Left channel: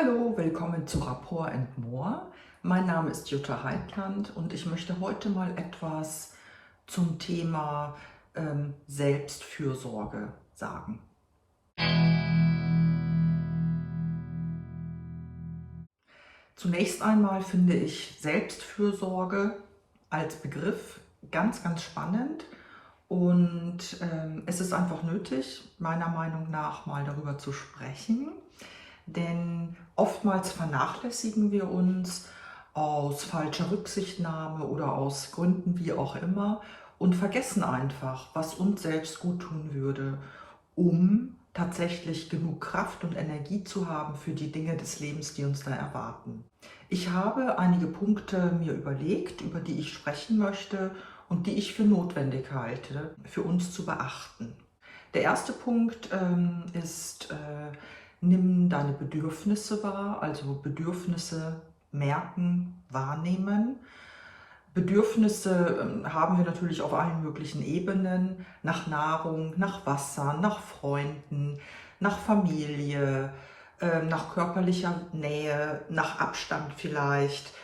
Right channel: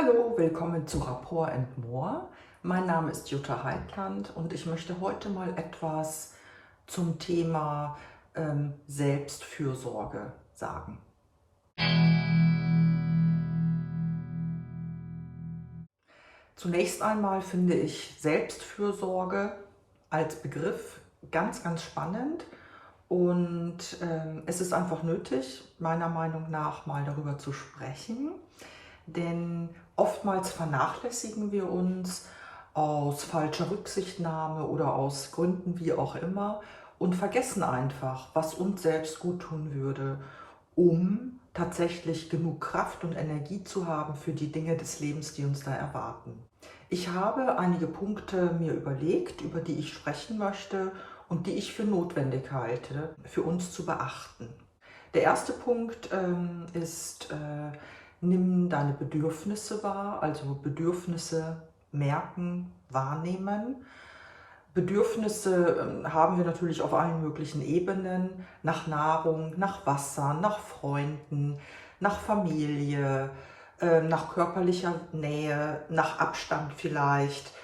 Hallo, willkommen zu Rapport and More. Mein Name ist Jutta Heitland und ich möchte heute mal etwas zum Thema Selbstfürsorge sagen. Zunächst einmal finde ich Selbstfürsorge als Begriff ganz, ganz spannend und es ist einfach nötig, meiner Meinung nach mal darüber zu sprechen, denn oftmals vernachlässigen wir uns aus falscher Rücksichtnahme oder aus Gründen wie auch immer und vergessen einfach, was uns selbst gut tun würde, um tatsächlich genug Kraft und Energie zu haben für die Dinge des Lebens, die uns da erwarten. Ich habe einige Punkte mir überlegt, über die ich sprechen möchte und die ich für notwendig halte, für uns zu beachten. Der erste Punkt ist, nimm deine Bedürfnisse wahr, also Bedürfnisse merken, wahrnehmen. Bedürfnisse haben wir natürlich auf allen möglichen Ebenen, nach Nahrung, nach Wasser, nach Freunden, nach Familie, nach körperlicher Nähe, nach Abstand vielleicht,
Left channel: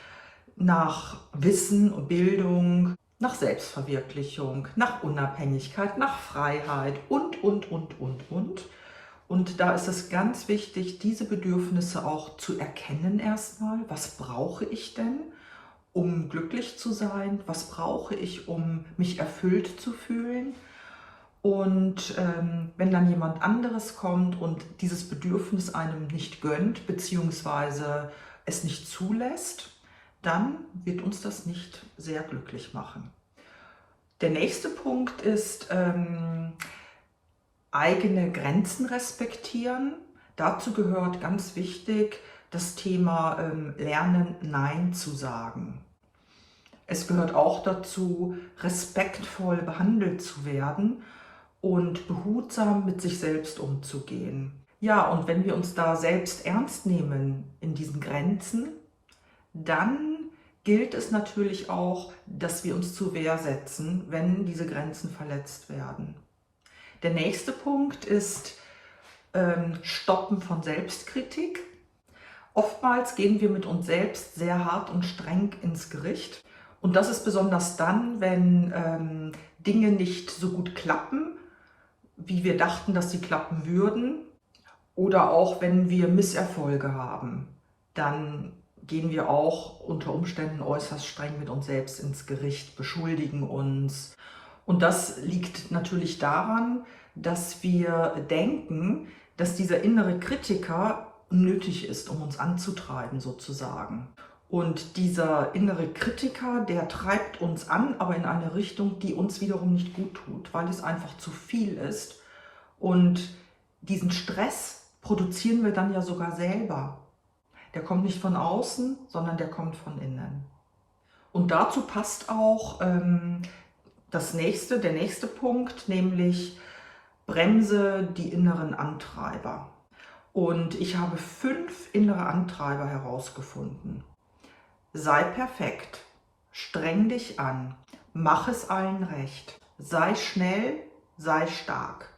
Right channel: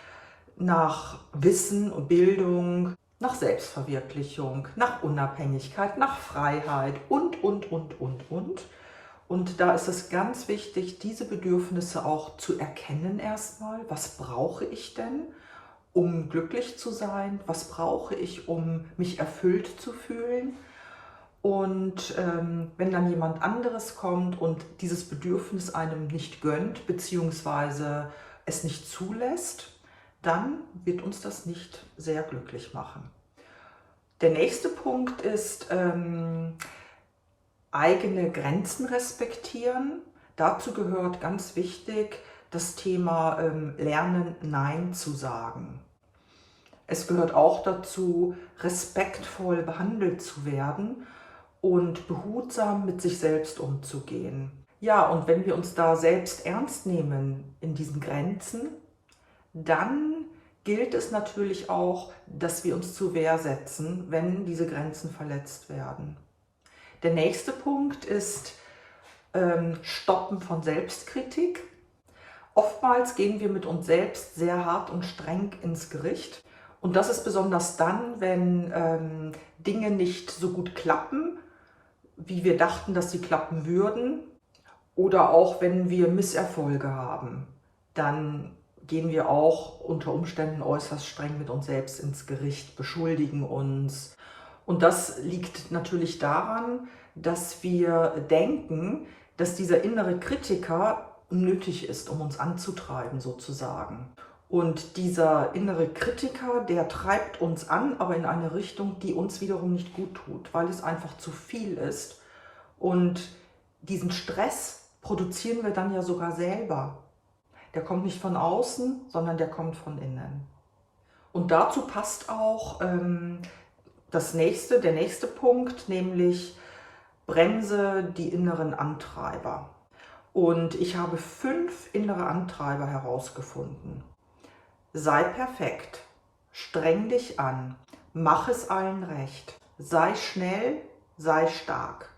nach Wissen und Bildung, nach Selbstverwirklichung, nach Unabhängigkeit, nach Freiheit und. Und da ist es ganz wichtig, diese Bedürfnisse auch zu erkennen erstmal. Was brauche ich denn, um glücklich zu sein? Was brauche ich, um mich erfüllt zu fühlen? Und wenn dann jemand anderes kommt und dieses Bedürfnis einem nicht gönnt, beziehungsweise es nicht zulässt, dann wird uns das nicht sehr glücklich machen. Der nächste Punkt ist eigene Grenzen respektieren. Dazu gehört ganz wichtig das Thema Lernen, Nein zu sagen. Es gehört auch dazu, respektvoll behandelt zu werden und behutsam mit sich selbst umzugehen. Ja, und wenn wir uns da selbst ernst nehmen in diesen Grenzen, dann gilt es natürlich auch, dass wir uns zur Wehr setzen, wenn diese Grenzen verletzt werden. Der nächste Punkt ist Stoppen von Selbstkritik. Oftmals gehen wir mit uns selbst sehr hart und streng ins Gericht. Und das ist besonders dann, wenn Dinge nicht so gut klappen, wie wir dachten, dass sie klappen würden. Oder auch wenn wir Misserfolge haben, dann gehen wir auch unter Umständen äußerst streng mit uns selbst ins Gericht, beschuldigen uns. Und das liegt natürlich daran, dass wir denken, dass dieser innere Kritiker nötig ist, um uns anzutreiben sozusagen. Und dieser innere Kritiker, der treibt uns an, aber in eine Richtung, die uns wiederum nicht gut tut, weil es einfach zu viel ist. Und diesen Stress produzieren wir dann ja sogar selber. Der kommt nicht von außen, sondern der kommt von innen. Und dazu passt auch der nächste Punkt, nämlich bremse die inneren Antreiber. Und ich habe 5 innere Antreiber herausgefunden. Sei perfekt, streng dich an, mach es allen recht, sei schnell, sei stark.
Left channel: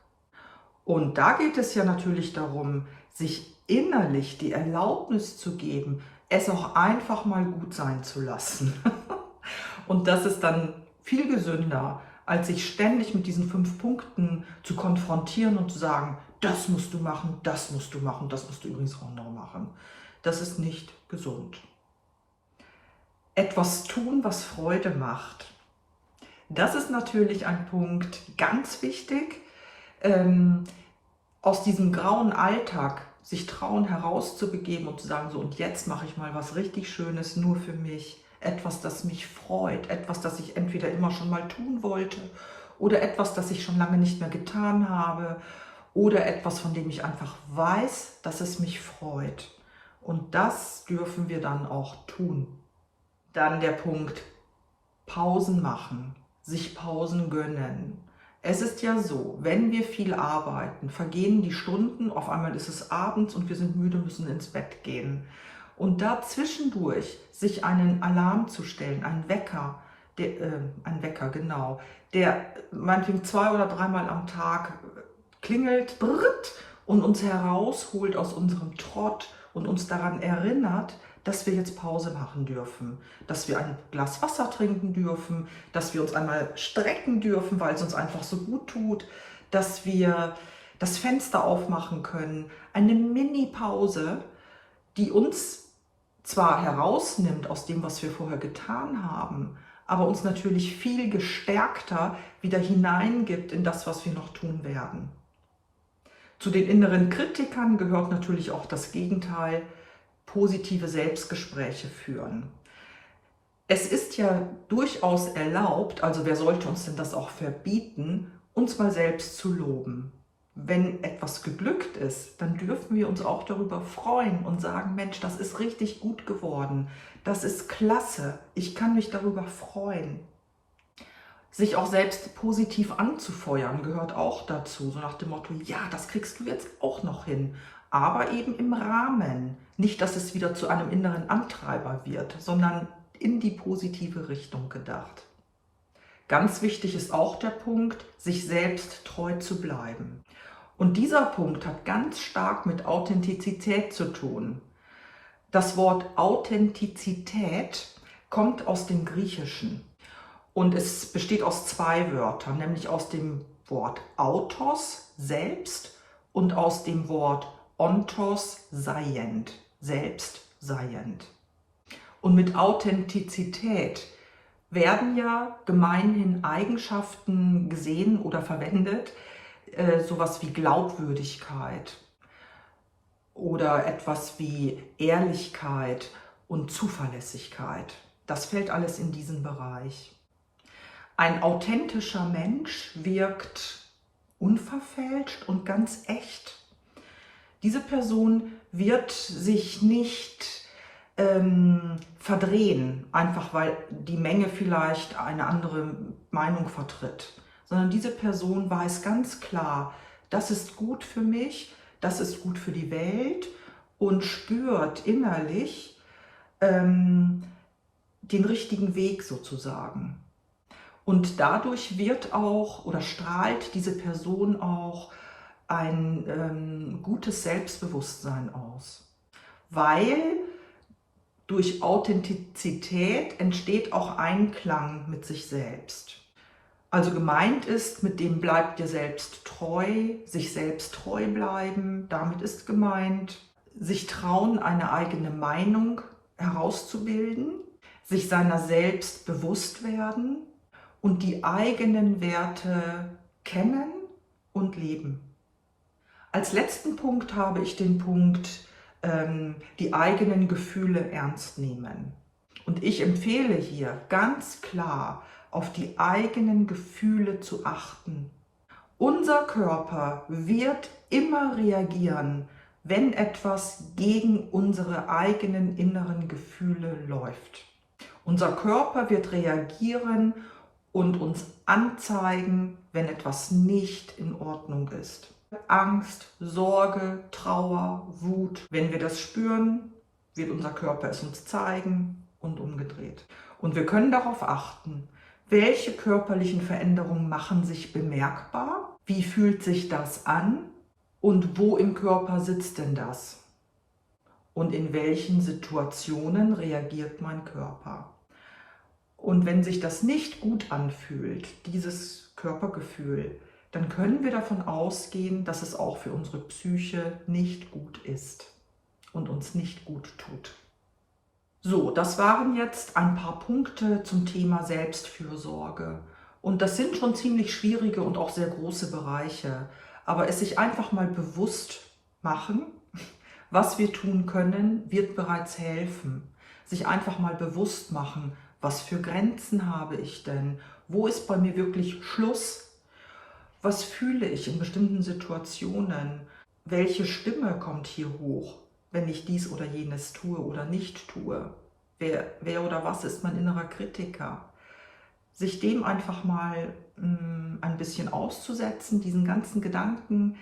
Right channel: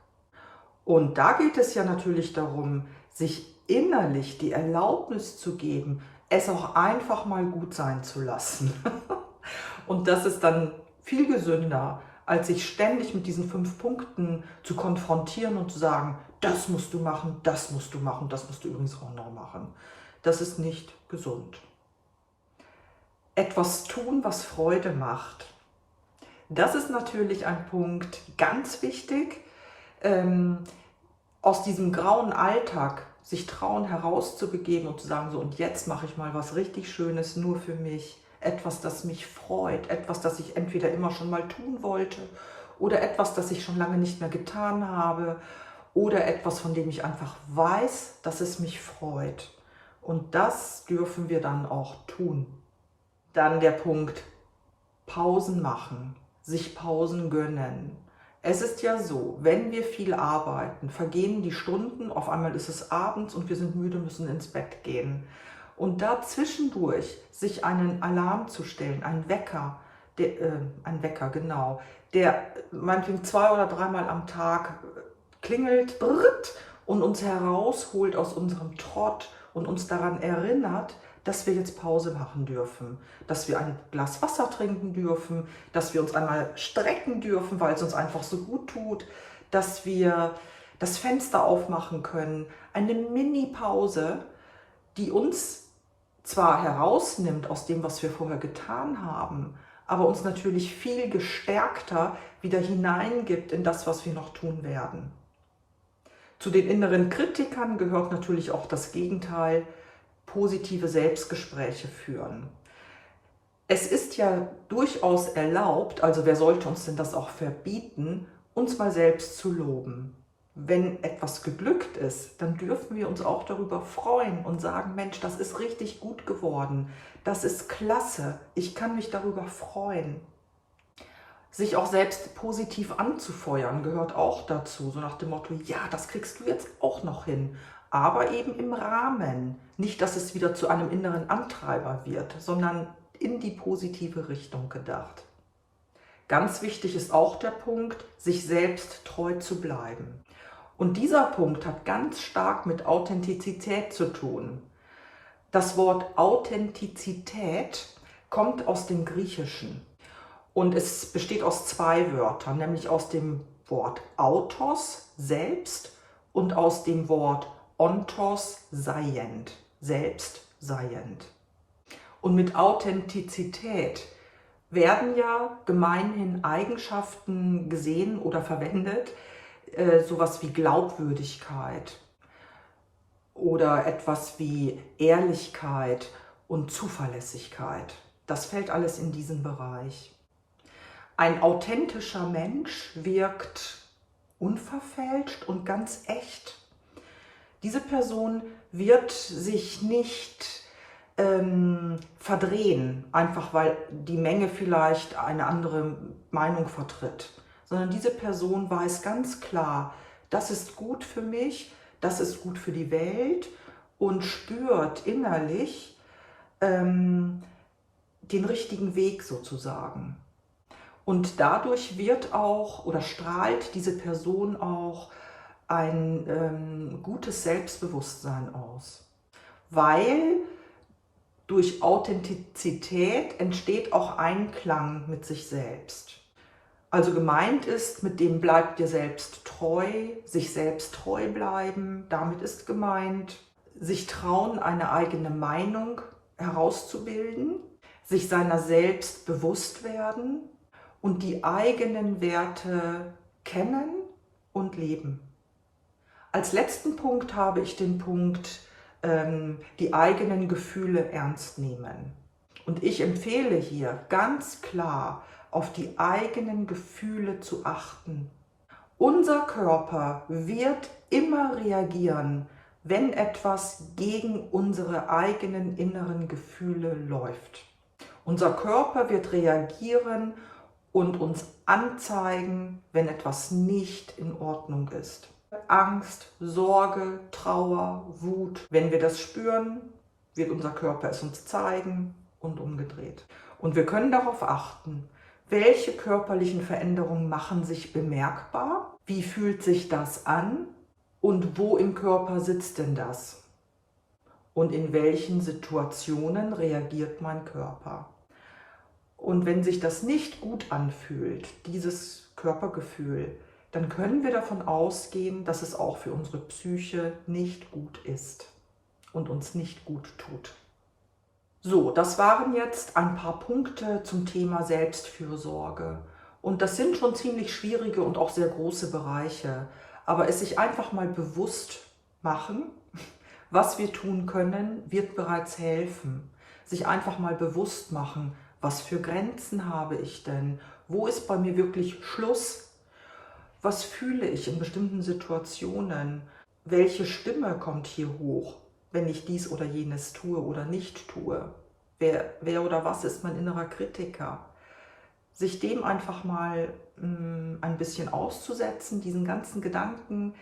Und da geht es ja natürlich darum, sich innerlich die Erlaubnis zu geben, es auch einfach mal gut sein zu lassen. Und das ist dann viel gesünder, als sich ständig mit diesen 5 Punkten zu konfrontieren und zu sagen, das musst du machen, das musst du machen, das musst du übrigens auch noch machen. Das ist nicht gesund. Etwas tun, was Freude macht. Das ist natürlich ein Punkt ganz wichtig. Aus diesem grauen Alltag sich trauen, herauszubegeben und zu sagen, so und jetzt mache ich mal was richtig Schönes nur für mich. Etwas, das mich freut, etwas, das ich entweder immer schon mal tun wollte oder etwas, das ich schon lange nicht mehr getan habe oder etwas, von dem ich einfach weiß, dass es mich freut. Und das dürfen wir dann auch tun. Dann der Punkt, Pausen machen, sich Pausen gönnen. Es ist ja so, wenn wir viel arbeiten, vergehen die Stunden, auf einmal ist es abends und wir sind müde, müssen ins Bett gehen. Und da zwischendurch sich einen Alarm zu stellen, einen Wecker, genau, der meinetwegen 2- oder 3-mal am Tag klingelt und uns herausholt aus unserem Trott und uns daran erinnert, dass wir jetzt Pause machen dürfen, dass wir ein Glas Wasser trinken dürfen, dass wir uns einmal strecken dürfen, weil es uns einfach so gut tut, dass wir das Fenster aufmachen können. Eine Mini-Pause, die uns zwar herausnimmt aus dem, was wir vorher getan haben, aber uns natürlich viel gestärkter wieder hineingibt in das, was wir noch tun werden. Zu den inneren Kritikern gehört natürlich auch das Gegenteil, positive Selbstgespräche führen. Es ist ja durchaus erlaubt, also wer sollte uns denn das auch verbieten, uns mal selbst zu loben. Wenn etwas geglückt ist, dann dürfen wir uns auch darüber freuen und sagen, Mensch, das ist richtig gut geworden, das ist klasse, ich kann mich darüber freuen. Sich auch selbst positiv anzufeuern gehört auch dazu, so nach dem Motto, ja, das kriegst du jetzt auch noch hin, aber eben im Rahmen. Nicht, dass es wieder zu einem inneren Antreiber wird, sondern in die positive Richtung gedacht. Ganz wichtig ist auch der Punkt, sich selbst treu zu bleiben. Und dieser Punkt hat ganz stark mit Authentizität zu tun. Das Wort Authentizität kommt aus dem Griechischen und es besteht aus zwei Wörtern, nämlich aus dem Wort autos, selbst, und aus dem Wort ontos, seiend, selbst seiend. Und mit Authentizität werden ja gemeinhin Eigenschaften gesehen oder verwendet, sowas wie Glaubwürdigkeit oder etwas wie Ehrlichkeit und Zuverlässigkeit. Das fällt alles in diesen Bereich. Ein authentischer Mensch wirkt unverfälscht und ganz echt. Diese Person wird sich nicht verdrehen, einfach weil die Menge vielleicht eine andere Meinung vertritt, sondern diese Person weiß ganz klar, das ist gut für mich, das ist gut für die Welt und spürt innerlich den richtigen Weg sozusagen. Und dadurch wird auch oder strahlt diese Person auch ein gutes Selbstbewusstsein aus, weil durch Authentizität entsteht auch Einklang mit sich selbst. Also gemeint ist, mit dem bleibt dir selbst treu, sich selbst treu bleiben. Damit ist gemeint, sich trauen, eine eigene Meinung herauszubilden, sich seiner selbst bewusst werden und die eigenen Werte kennen und leben. Als letzten Punkt habe ich den Punkt, die eigenen Gefühle ernst nehmen. Und ich empfehle hier ganz klar, auf die eigenen Gefühle zu achten. Unser Körper wird immer reagieren, wenn etwas gegen unsere eigenen inneren Gefühle läuft. Unser Körper wird reagieren und uns anzeigen, wenn etwas nicht in Ordnung ist. Angst, Sorge, Trauer, Wut. Wenn wir das spüren, wird unser Körper es uns zeigen und umgedreht. Und wir können darauf achten, welche körperlichen Veränderungen machen sich bemerkbar, wie fühlt sich das an und wo im Körper sitzt denn das? Und in welchen Situationen reagiert mein Körper? Und wenn sich das nicht gut anfühlt, dieses Körpergefühl, dann können wir davon ausgehen, dass es auch für unsere Psyche nicht gut ist und uns nicht gut tut. So, das waren jetzt ein paar Punkte zum Thema Selbstfürsorge. Und das sind schon ziemlich schwierige und auch sehr große Bereiche. Aber es sich einfach mal bewusst machen, was wir tun können, wird bereits helfen. Sich einfach mal bewusst machen, was für Grenzen habe ich denn? Wo ist bei mir wirklich Schluss? Was fühle ich in bestimmten Situationen? Welche Stimme kommt hier hoch, wenn ich dies oder jenes tue oder nicht tue? Wer oder was ist mein innerer Kritiker? Sich dem einfach mal ein bisschen auszusetzen, diesen ganzen Gedanken,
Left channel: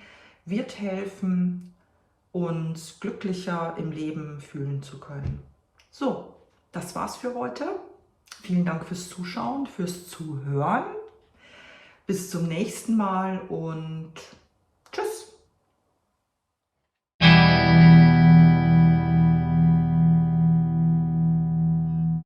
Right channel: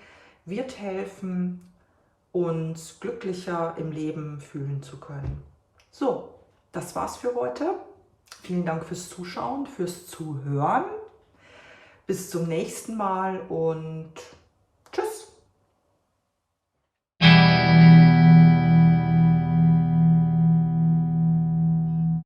wird helfen, uns glücklicher im Leben fühlen zu können. So, das war's für heute. Vielen Dank fürs Zuschauen, fürs Zuhören. Bis zum nächsten Mal und